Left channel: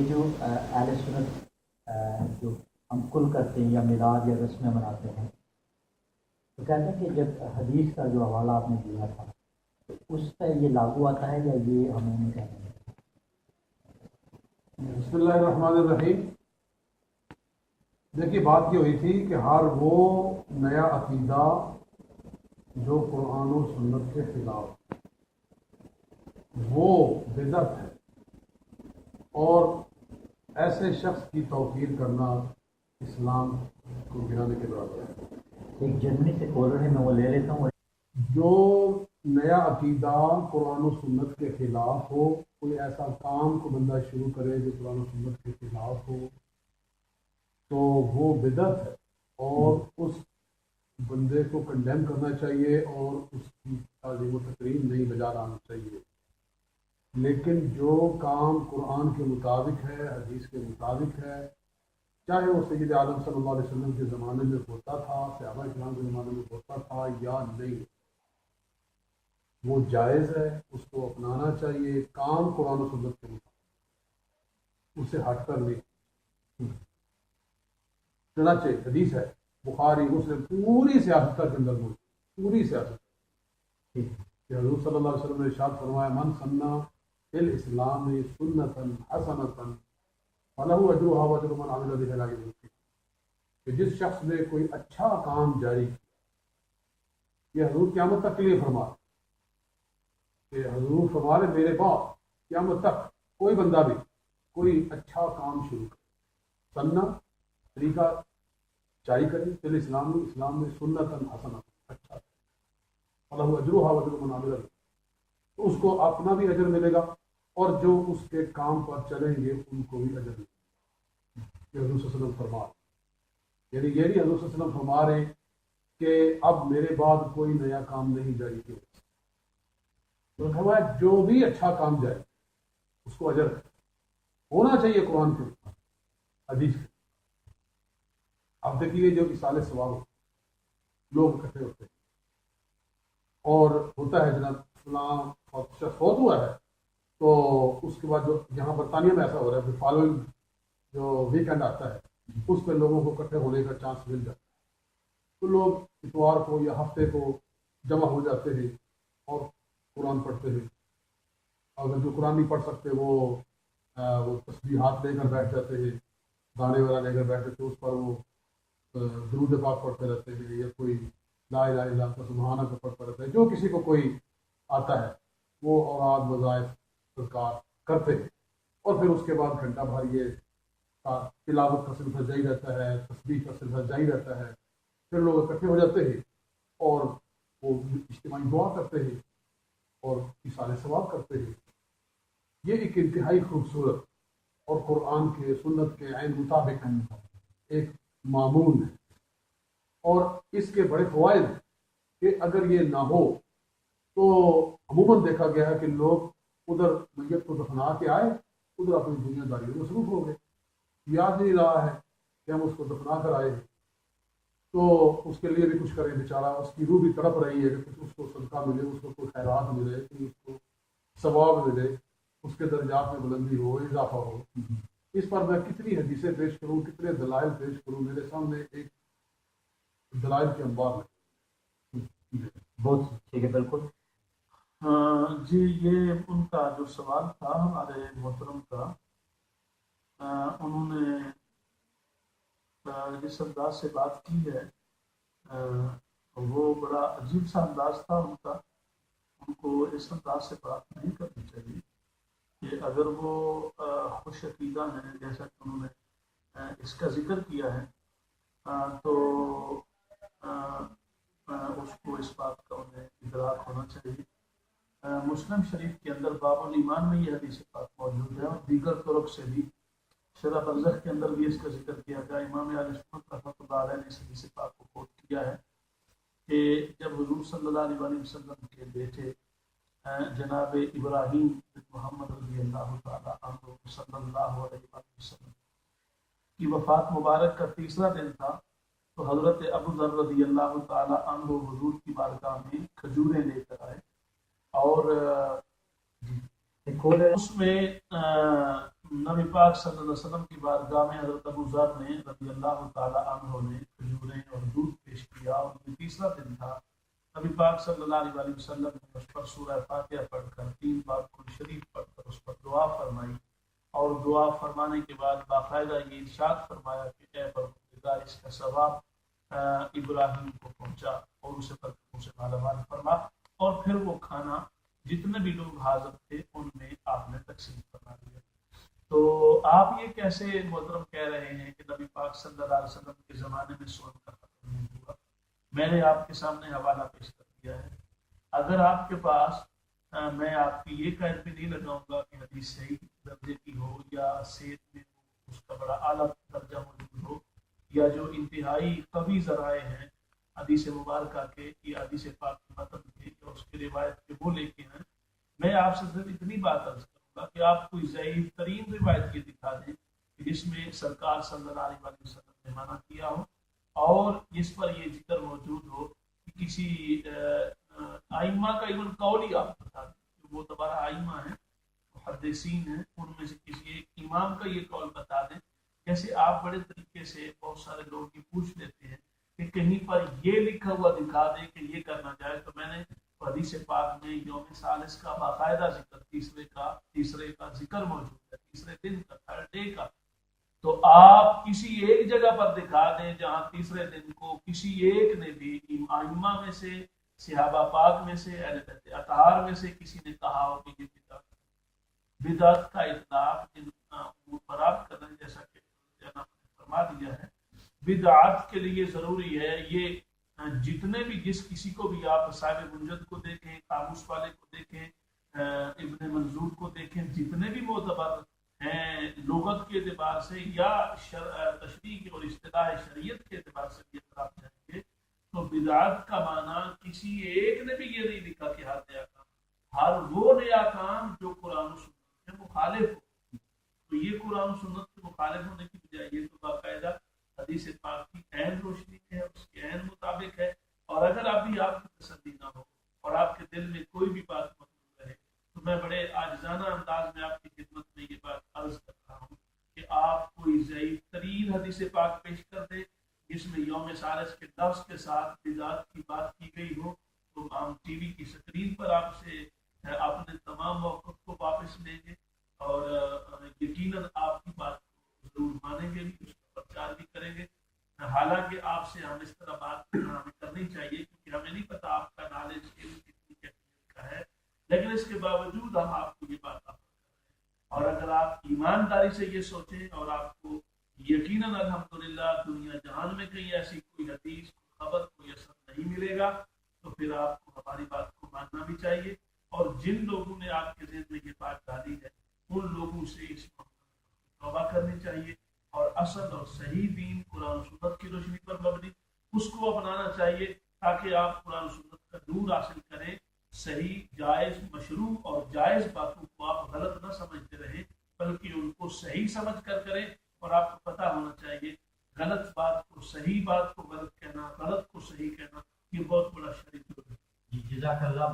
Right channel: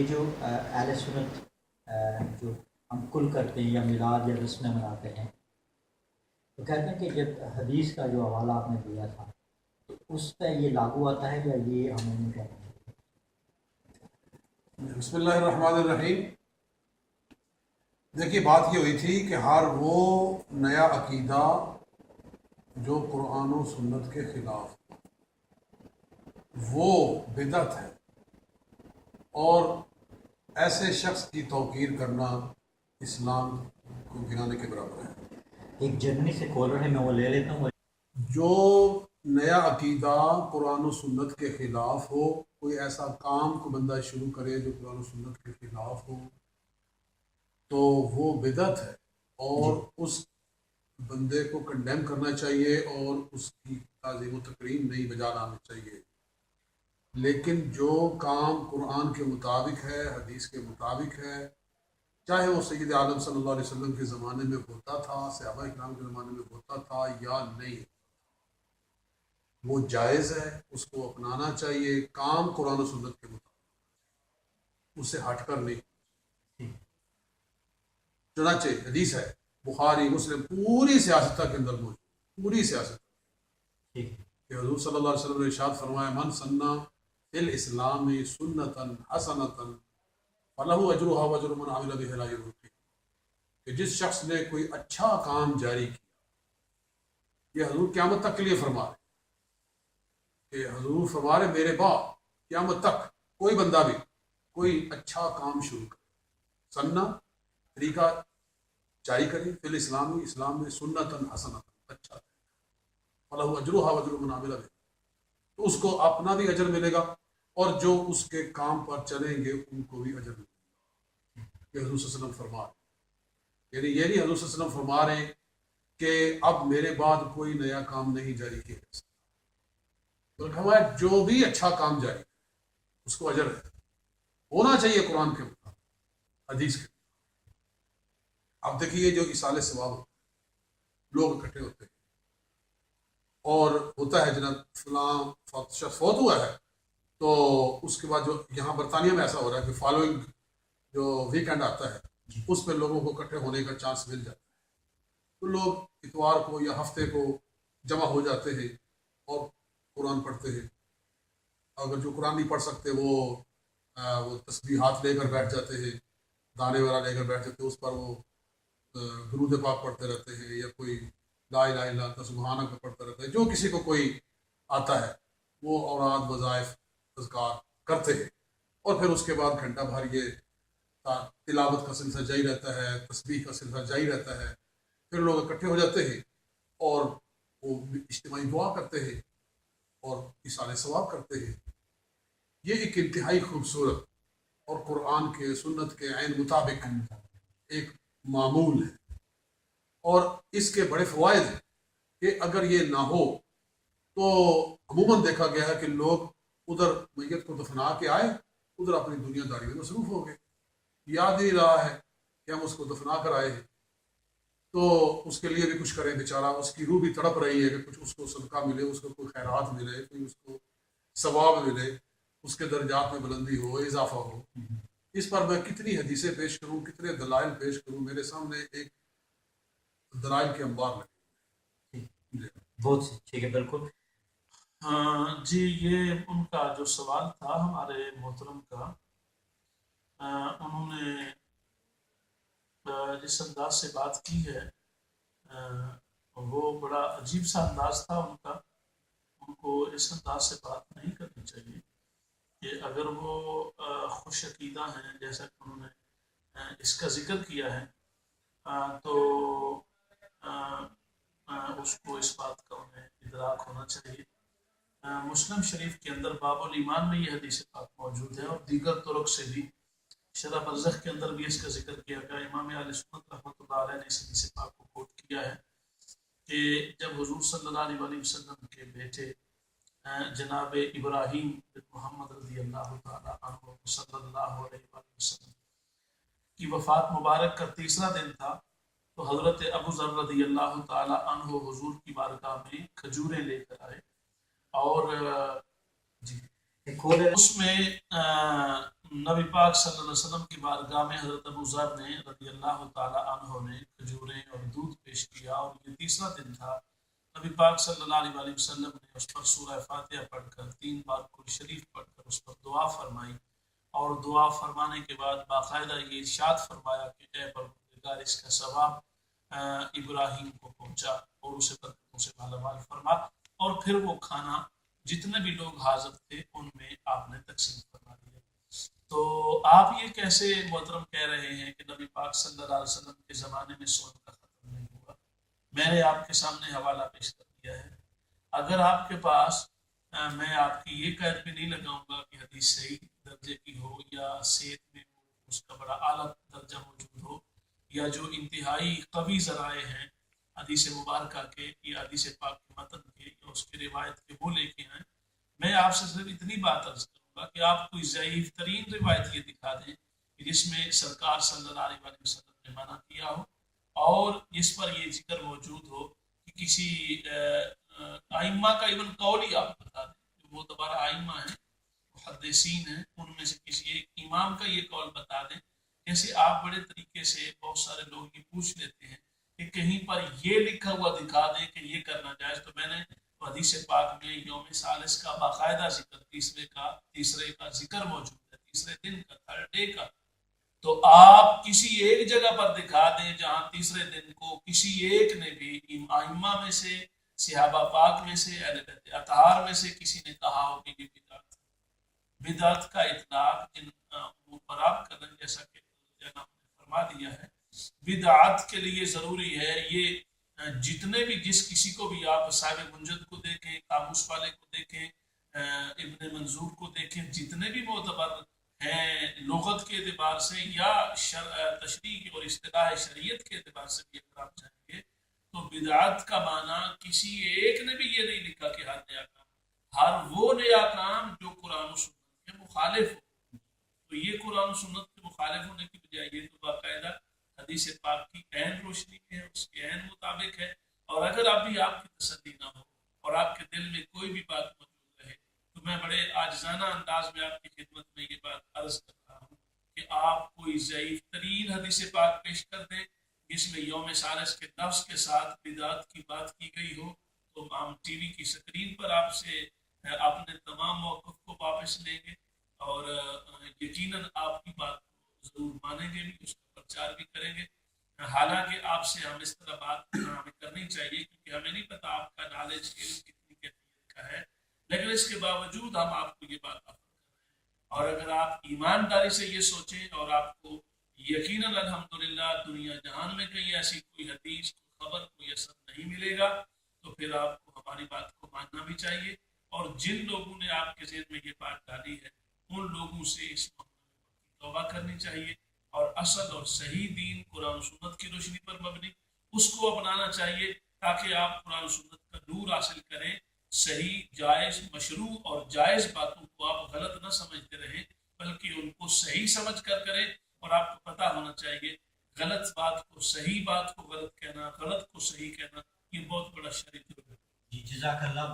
یہ جو اہل سنت جو ہم کل کرتے ہیں یا میلاد یا رسمیں مناتے ہیں تو کہتے ہیں کہ جب حدیث کا جو حوالہ آپ نے دیا تھا تو اس پہ یہ لاگو آتا ہے یا یہ ہمیں نہیں کہتے ہیں؟ بسم اللہ الرحمن الرحیم. دیکھیے بات یہ ہوئی تھی کہ ہر وہ نیا عقیدہ جو قرآن و سنت کے خلاف وہ بدعت ہے، اور ایسے شخص کی توقیر کرنا اسلام کو گرانے کے برابر ہے. ایک جرمنی سے کالر ہے، میں وہ لے لیتا ہوں. جو نیا عقیدہ قرآن و سنت کے خلاف ہو، کوئی ایسا کام کو بندہ شروع کرے جو قرآن و سنت کے خلاف ہو تو وہ بدعت ہے، اور اس بندے کو کنڈیم کرنا چاہیے اور اس کی تعظیم و تکریم نہیں بجا لانا چاہیے. لیکن جو کام قرآن کے مطابق ہے، حدیث کے مطابق ہے، چاہے وہ سید عالم صلی اللہ علیہ وسلم کے زمانے میں ہوتا تھا، صحابہ اکرام کے زمانے میں ہوتا تھا یا نہیں، وہ جائز ہے، اس کو اپنانا چاہیے. کام قرآن و سنت کے مطابق، اس سے ہٹ کر نہیں. چنانچہ حدیث ہے بخاری مسلم پوری سیاستہ کے اندر موجود، پوری سیاست کہ حضور صلی اللہ علیہ وسلم نے ارشاد فرمایا من سنہ فی الاسلام سنتا حسنتا فلہ اجرھا واجر من عمل بہ الی یوم الدین، کہ جس شخص نے کوئی اچھا کام جاری کیا، یہ حضور قیامت تک کے لیے فرما رہے کہ حضور فرما رہے میرے بعد قیامت تک کوئی بندہ بھی کوئی اچھا کام شروع کرے، سنہ طریقہ جاری کرے، فی الاسلام اسلام میں سنتا حسنتا اچھا، فلہ اجرھا واجر من عمل بہ، تو اس کو اپنا بھی اجر ملے گا اور جو اس کے کام پر چلیں گے ان کو بھی اجر ملے گا. یہ حضور صلی اللہ علیہ وسلم فرما رہے، یعنی یہ نہیں حضور صلی اللہ علیہ وسلم فرما رہے کہ اب میرے بعد کوئی نیا کام نہیں جاری کیا جا سکتا، تو ہمارا جو بھی اچھا کام جاری اس کو اجر ہے، ہونا چاہیے قرآن کے مطابق، حدیث کے. اب دیکھیے جو اصال ثواب لوگ اکٹھے ہوتے ہیں اور ہوتا ہے جناب فلاں شخص فوت ہوا ہے، تو اس کے بعد جو یہاں برطانیہ میں ایسا ہو رہا ہے کہ فالوئنگ جو ویکینڈ آتا ہے اس پہ لوگوں کو اکٹھے ہونے کا چانس مل جاتا ہے، تو لوگ اتوار کو یا ہفتے کو جمع ہو جاتے ہیں اور قرآن پڑھتے ہیں. اگر جو قرآن نہیں پڑھ سکتے وہ تسبیحات لے کر بیٹھ جاتے ہیں، دانے والا لے کر بیٹھ جاتے ہیں، اس پر وہ درود پاک پڑھتے رہتے ہیں، یا کوئی لا الہ الا انت سبحانک پڑھتا رہتا ہے. جو کسی کو کوئی آتا ہے وہ اوراد وظائف اذکار کرتے ہیں، اور پھر اس کے بعد گھنٹہ بھر یہ تلاوت کا سلسلہ جاری رہتا ہے، تسبیح کا سلسلہ جاری رہتا ہے. پھر لوگ اکٹھے ہو جاتے ہیں اور وہ اجتماعی دعا کرتے ہیں اور اصال ثواب کرتے ہیں. یہ ایک انتہائی خوبصورت اور قرآن کے سنت کے عین مطابق ایک معمول ہے، اور اس کے بڑے فوائد ہیں کہ اگر یہ نہ ہو تو عموماً دیکھا گیا ہے کہ لوگ ادھر میت کو دفنا کے آئے، ادھر اپنی دنیا داری میں مصروف ہو گئے، یاد نہیں رہا ہے کہ ہم اس کو دفنا کر آئے ہیں، تو اس کے لیے بھی کچھ کریں. بیچارہ اس کی روح بھی تڑپ رہی ہے کہ کچھ اس کو صدقہ ملے، اس کو کوئی خیرات ملے، کوئی اس کو ثواب ملے، اس کے درجات میں بلندی ہو، اضافہ ہو. اس پر میں کتنی حدیثیں پیش کروں، کتنے دلائل پیش کروں، میرے سامنے ایک دلائل کے انبار لگے. بہت ٹھیک ہے، بالکل. جی یہ ان کا جو سوال تھا ہمارے محترم کا، انہوں نے جس انداز سے بات کی ہے وہ بڑا عجیب سا انداز تھا ان کا. ان کو اس انداز سے بات نہیں کرنی چاہیے کہ اگر وہ خوش عقیدہ ہیں جیسا کہ انہوں نے اس کا ذکر کیا ہے، تو اس کو اس بات کا انہیں ادراک ہونا چاہیے. مسلم شریف کے اندر باب الایمان میں یہ حدیث پاک موجود ہے، اور دیگر طرق سے بھی شرح برزخ کے اندر بھی اس کا ذکر کیا گیا. امام اہل سنت رحمۃ اللہ علیہ نے اس حدیث پاک کو کوٹ کیا ہے کہ جب حضور صلی اللہ علیہ وسلم کے بیٹے جناب ابراہیم بن محمد رضی اللہ تعالیٰ عنہ صلی اللہ علیہ وسلم کی وفات مبارک کا تیسرا دن تھا، تو حضرت ابو ذر رضی اللہ تعالیٰ عنہ حضور کی بارگاہ میں کھجوریں لے کر آئے، اور اس میں نبی پاک صلی اللہ علیہ وسلم کی بارگاہ میں حضرت ابو ذر نے رضی اللہ تعالی عنہ نے کھجوریں اور دودھ پیش کیا، اور یہ تیسرا دن تھا۔ نبی پاک صلی اللہ علیہ وسلم نے اس پر سورہ فاتحہ پڑھ کر 3 بار قرآن شریف پڑھ کر اس پر دعا فرمائی، اور دعا فرمانے کے بعد باقاعدہ یہ ارشاد فرمایا کہ اے پروردگار اس کا ثواب ابراہیم کو پہنچا اور اسے برکتوں سے مالا مال فرما، اور پھر وہ کھانا جتنے بھی لوگ حاضر تھے ان میں آپ نے تقسیم فرما دیا۔ تو آپ یہ کیسے محترم کہہ رہے ہیں کہ نبی پاک صلی اللہ علیہ وسلم کے زمانے میں سود کا ختم نہیں ہوا؟ میں نے آپ کے سامنے حوالہ پیش کر دیا ہے۔ اگر آپ کے پاس میں آپ کی یہ قید بھی نہیں لگاؤں گا کہ حدیث صحیح درجے کی ہو یا صحت میں اس کا بڑا اعلیٰ درجہ موجود ہو، یا جو انتہائی قوی ذرائع ہیں حدیث مبارکہ کے یا حدیث پاک کے متن کے یا اس کی روایت کے وہ لے کے ہیں، میں آپ سے صرف اتنی بات عرض کروں گا کہ آپ کوئی ضعیف ترین روایت یہ دکھا دیں کہ جس میں سرکار صلی اللہ علیہ وسلم نے منع کیا ہو اور جس پر یہ ذکر موجود ہو کہ کسی ائمہ کا ایون قول ہی آپ بتا دیں، جو معتبر ائمہ ہیں محدثین ہیں ان میں سے کسی ایک امام کا یہ قول بتا دیں۔ جیسے آپ بڑے طریقے سے بہت سارے لوگ یہ پوچھ لیتے ہیں کہ کہیں پر یہ لکھا ہوا دکھا دیں کہ یہ کرنا جائز، تو میں نے حدیث پاک میں یوم ثالث کا باقاعدہ ذکر، تیسرے کا ذکر موجود ہے، تیسرے دن کا، تھرڈ ڈے کا۔ تو آپ کسی ایک جگہ پر دکھا دیں جہاں تیسرے دن کو کسی ایک نے بھی ائمہ میں سے، صحابہ پاک میں سے، اہل بیت اطہار میں سے کسی نے کہا ہو کہ یہ بدعت کا اطلاق جن امور پر آپ کر رہے ہیں، جیسا کہ فرما دیا ہے، بدعت کے لیے ضروری ہے یہ جتنے بھی جس کسی کو بھی آپ صاحب منجد کو دیکھیں، قاموس والے کو دیکھیں، ابن منظور کو دیکھیں، جتنے بھی معتبر ہیں لغت کے اعتبار سے یا تشریح اور اصطلاح شریعت کے اعتبار سے بھی اگر آپ جائیں گے تو بدعت کا معنی کسی ایک نے بھی یہ نہیں لکھا کہ ہر نیا کام، ہر وہ نیا کام جو قرآن و سنت کے مخالف ہو۔ تو یہ قرآن و سنت کے مخالف ہونے کی بجائے یہ تو باقاعدہ حدیث پاک کی عین روشنی میں ہے، اس کے عین مطابق ہے، اور اگر ابھی آپ کی تسلی نہ ہو اور آپ کے دل میں کوئی بھی بات موجود رہے تو میں بڑے عاجزانہ انداز میں آپ کی خدمت میں یہ بات عرض کر رہا ہوں کہ آپ کوئی ضعیف ترین حدیث پاک پیش کر دیں جس میں یوم ثالث کے لفظ کے ساتھ بدعت کی بات کی گئی ہو، تو ہم ٹی وی کی سکرین پر آپ سے اپنے تمام موقف کو واپس لیں گے اور یقیناً آپ کی بات کو ضرور مانیں گے بھی، اس کا پرچار بھی کریں گے۔ حالانکہ آپ سے ہم اس طرح بات ہمیں کرنی چاہیے کیونکہ ہمیں نہیں پتا آپ کا نالج کتنی کیفیت کا ہے، لیکن اس کے باوجود ہم آپ کو یہ بات آفر کر رہے ہیں، اور اگر آپ ایمانداری سے یہ سوچیں اور آپ کو یقیناً الحمدللہ دنیا جہان میں کہیں ایسی کوئی حدیث، خبر، کوئی اثر نہیں ملے گا تو پھر آپ کو ہماری بات کو ماننا بھی چاہیے، اور جن لوگوں نے آپ کے ذہن میں یہ بات ڈالی ہے ان لوگوں سے اس معاملے میں توبہ کرنی چاہیے، اور اصل اور صحیح دین قرآن و سنت کی روشنی پر مبنی اس کو اپنانا چاہیے تاکہ آپ قرآن و سنت کا نور حاصل کریں، صحیح، جائز، مشروع اور جائز باتوں کو آپ غلط نہ سمجھتے رہیں بلکہ ان کو صحیح سمجھ کر کریں، اور آپ کو پتہ ہونا چاہیے غلط بات کو صحیح بات کو غلط کہنا، غلط کو صحیح کہنا یہ بہت بڑا شرعی جرم ہے۔ جی جزاک اللہ۔